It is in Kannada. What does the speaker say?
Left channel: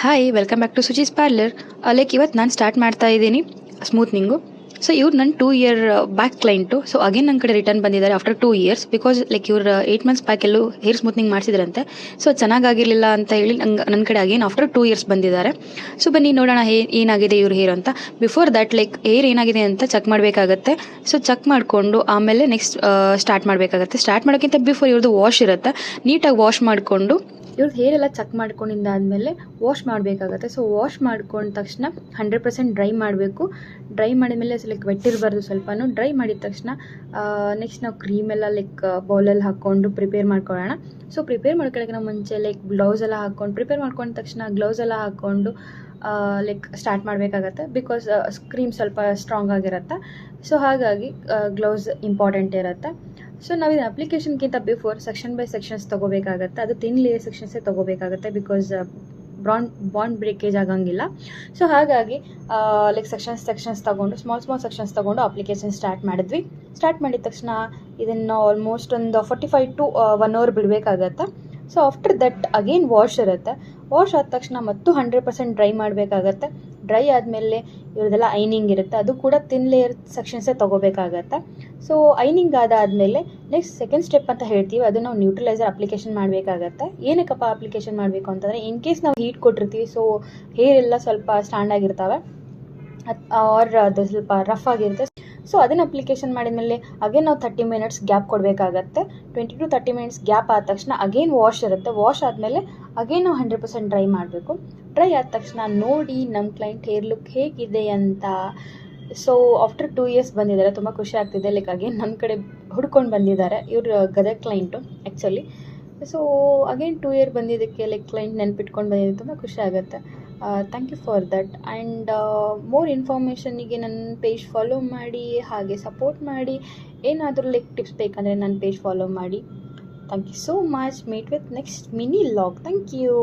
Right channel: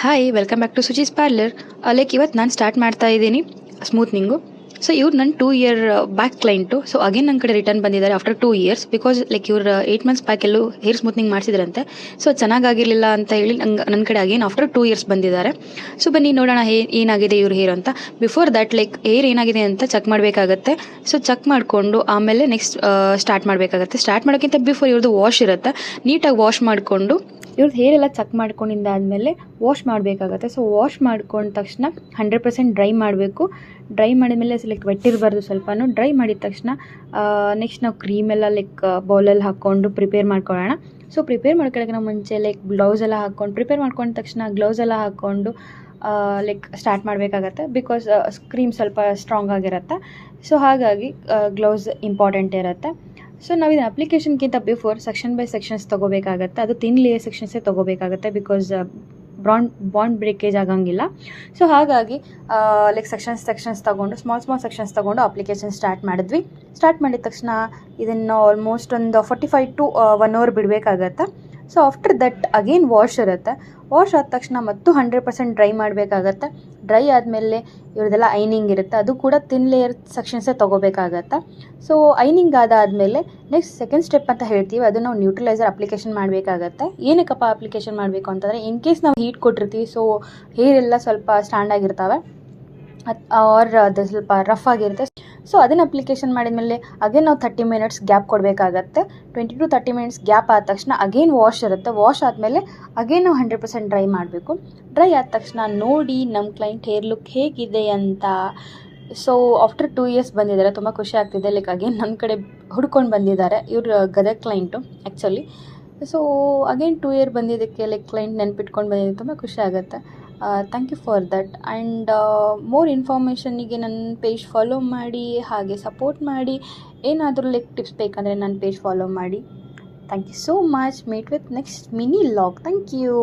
Hi welcome back to Suchi's parlour. Like ಇವತ್ತು ನಾನು ಸ್ಟಾರ್ಟ್ ಮಾಡ್ತಾ ಇದ್ದೀನಿ ಸ್ಮೂತ್ನಿಂಗು. ಸೊ ಇವ್ರು ನನ್ನ 2 year back client. So again ನನ್ನ ಕಡೆ ರಿಟರ್ನ್ ಬಂದಿದ್ದಾರೆ ಆಫ್ಟರ್ 2 ಇಯರ್ಸ್. ಬಿಕಾಸ್ ಲೈಕ್ ಇವ್ರು 8 ಮಂತ್ಸ್ ಬ್ಯಾಕ್ ಎಲ್ಲೂ ಹೇರ್ ಸ್ಮೂತ್ನಿಂಗ್ ಮಾಡಿಸಿದ್ರಂತೆ. ಸೊ ಚೆನ್ನಾಗಿರಲಿಲ್ಲ ಅಂತ ಹೇಳಿ ನನ್ನ ಕಡೆ ಅಗೇನ್ ಆಫ್ಟರ್ 2 ಇಯರ್ಸ್ ಬಂದಿದ್ದಾರೆ. ಸೊ ಬನ್ನಿ ನೋಡೋಣ ಏನಾಗಿದೆ ಇವ್ರ ಹೇರ್ ಅಂತ. ಬಿಫೋರ್ ದ್ಯಾಟ್ ಲೈಕ್ ಹೇರ್ ಏನಾಗಿದೆ ಅಂತ ಚೆಕ್ ಮಾಡಬೇಕಾಗತ್ತೆ. ಸೊ ಚೆಕ್ ಮಾಡಿಕೊಂಡು ಆಮೇಲೆ ನೆಕ್ಸ್ಟ್ ಸ್ಟಾರ್ಟ್ ಮಾಡಬೇಕಾಗತ್ತೆ. ಸ್ಟಾರ್ಟ್ ಮಾಡೋಕ್ಕಿಂತ ಬಿಫೋರ್ ಇವ್ರದ್ದು ವಾಶ್ ಇರುತ್ತೆ. ನೀಟಾಗಿ ವಾಶ್ ಮಾಡಿಕೊಂಡು ಇವ್ರದ್ದು ಹೇರ್ ಎಲ್ಲ ಚೆಕ್ ಮಾಡ್ಕೊಂಡಿದ್ದಾದಮೇಲೆ ವಾಶ್ ಮಾಡಬೇಕಾಗತ್ತೆ. ಸೊ ವಾಶ್ ಮಾಡ್ಕೊಂಡ ತಕ್ಷಣ 100% ಡ್ರೈ ಮಾಡಬೇಕು. ಡ್ರೈ ಮಾಡಿದ್ಮೇಲೆ ಲೈಕ್ ವೆಟ್ ಇರಬಾರ್ದು, ಸ್ವಲ್ಪನೂ ಡ್ರೈ ಮಾಡಿದ ತಕ್ಷಣ ನೆಕ್ಸ್ಟ್ ನಾವು ಕ್ರೀಮೆಲ್ಲ ಲೈಕ್ ಬೌಲಲ್ಲಿ ಹಾಕ್ಕೊಂಡು ಪ್ರಿಪೇರ್ ಮಾಡ್ಕೊಳ್ಳೋಣ. ಸೊ ಪ್ರಿಪೇರ್ ಮಾಡ್ಕೊಳ್ಳೋಕ್ಕಿಂತ ಮುಂಚೆ ಲೈಕ್ ಗ್ಲೌಸ್ ಎಲ್ಲ ಹಾಕ್ಕೊಂಡು ಪ್ರಿಪೇರ್ ಮಾಡ್ಕೊಂಡ ತಕ್ಷಣ ಗ್ಲೌಸ್ ಎಲ್ಲ ಹಾಕ್ಕೊಂಡು ಲೈಕ್ ಸ್ಟಾರ್ಟ್ ಮಾಡಬೇಕಾಗತ್ತೆ. ಬಿಕಾಸ್ ಕ್ರೀಮ್ ಸ್ವಲ್ಪ ಸ್ಟ್ರಾಂಗ್ ಆಗಿರುತ್ತೆ. ಸೊ ಹಾಗಾಗಿ ಗ್ಲೌಸ್ ಇಂಪಾರ್ಟೆಂಟ್ ಇರುತ್ತೆ. ಸೊ ನಾವು ಇದನ್ನ ಅಪ್ಲಿಕೇಶನ್ಗಿಂತ ಬಿಫೋರ್ ಸೆಕ್ಷನ್ ಬೈ ಸೆಕ್ಷನ್ಸ್ ತೊಗೋಬೇಕಾಗತ್ತೆ. ಅದು ತಿನ್ ಲೇಯರ್ ಸೆಕ್ಷನ್ಸೇ ತೊಗೋಬೇಕಾಗತ್ತೆ. ಬಿಕಾಸ್ ಬಾಂಡ್ ಬ್ರೇಕೇಜ್ ಆಗಂಗಿಲ್ಲ. ಸೊ ಹಾಗಾಗಿ ಲೈಕ್ ಸೆಕ್ಷನ್ಸ್ ತೊಗೊಂಡು ಸ್ಮಾಲ್ ಸೆಕ್ಷನ್ಸ್ ತೊಗೊಂಡು ಅಪ್ಲಿಕೇಶನ್ ಸ್ಟಾರ್ಟ್ ಮಾಡಿದ್ವಿ. ಸ್ಟಾರ್ಟ್ ಮಾಡಿದ ತಕ್ಷಣ ಇದನ್ನು ಆಲ್ಮೋಸ್ಟ್ ಒಂದು 45 to 1 hour ಬಿಡಬೇಕಾಗತ್ತೆ. So after that again wash ಇರುತ್ತೆ. ವಾಶ್ ಆದ ತಕ್ಷಣ ಮತ್ತು 100% ಡ್ರೈ ಮಾಡಬೇಕಾಗತ್ತೆ. ಡ್ರೈ ಆದಮೇಲೆ ಇವ್ರದ್ದೆಲ್ಲ ಐನಿಂಗ್ ಇರುತ್ತೆ. ಅದು ಕೂಡ ತಿನ್ ಲೇಯರ್ ಸೆಕ್ಷನ್ಸೇ ತೊಗೋಬೇಕಾಗತ್ತೆ. ಸೊ ಐನಿಂಗ್ ಆದಾದಮೇಲೆ ನೆಕ್ಸ್ಟ್ ಸೆಕೆಂಡ್ ಸ್ಟೆಪ್ ಅಂತ ಹೇಳ್ತೀವಿ, ಅದು ನಾವು ನ್ಯೂಟ್ರಲೈಸರ್ ಅಪ್ಲಿಕೇಶನ್ ಮಾಡಬೇಕಾಗತ್ತೆ. ಏನಕ್ಕಪ್ಪ ಅಪ್ಲಿಕೇಶನ್ ಮಾಡಬೇಕು ಅಂತಂದರೆ ಇನ್ ಕೇಸ್ ನಾವು ಹೀಟ್ ಕೊಟ್ಟಿರ್ತೀವಿ, ಸೊ ಹೇರ್ ಎಲ್ಲ ಸ್ವಲ್ಪ ಸ್ಟ್ಯಾಂಡ್ ಆಗಿರ್ತವೆ ಆರ್ ಅದು ಸ್ವಲ್ಪ ರಫ್ ಆಗಿರುತ್ತೆ. ಸೊ ಅದನ್ನು ಅಪ್ಲಿಕೇಶನ್ ಮಾಡಿದ್ಮೇಲೆ ಅಗೇನ್ ನಾವು 30 minutes ಗ್ಯಾಪ್ ಕೊಡಬೇಕಾಗತ್ತೆ. 20 to 30 minutes ಗ್ಯಾಪ್ ಆದ ತಕ್ಷಣ ಅಗೇನ್ ವಾಶ್ ಇರುತ್ತೆ. ವಾಶ್ ಆದಮೇಲೆ ಅಗೇನ್ ನಾವು 100% ಡ್ರೈ ಮಾಡಬೇಕು. ಡ್ರೈ ಆದ ತಕ್ಷಣ ನೋಡಿ ನಮ್ಮ ಕ್ಲೈಂಟ್ ಹೇರ್ ಲುಕ್ ಹೇಗಿದೆ ಅಂತ. ಸೊ ಆಫ್ಟರ್ 2 years ಬಂದಿದ್ದಾರೆ. ತುಂಬ ಖುಷಿ ಆಗ್ತಿದೆ. ಲೈಕ್ ಅಗೇನ್ ನನ್ನ ಕಡೆ ಹುಡ್ಕೊಂಡು ಬಂದಿದ್ದಾರೆ. ಇವ್ರ Gadag client actually. So again 2 year ಬಂದಿದ್ದಕ್ಕೆ ಲೈಕ್ ಕ್ಲೈಂಟ್ ನೆನ್ಪಿಟ್ಕೊಂಡು ಬಂದಿದ್ದು ತುಂಬ ಖುಷಿ ಆಗುತ್ತೆ. Thank you for that. And more ಇನ್ಫಾರ್ಮೇಷನಿಗೆ ನನ್ನ ಪೇಜ್ ಫಾಲೋ ಮಾಡಿ, ಹಾಗೆ ಸಪೋರ್ಟ್ ಮಾಡಿ. ಏನಾದರೂ ಲೈಕ್ ಟಿಪ್ಸ್ ಬೇಕಂದರೆ ನನ್ನ ಪೇಜ್ ಫಾಲೋ ಮಾಡಿ. Thank you so much. Meet with next mini vlog. Thank you.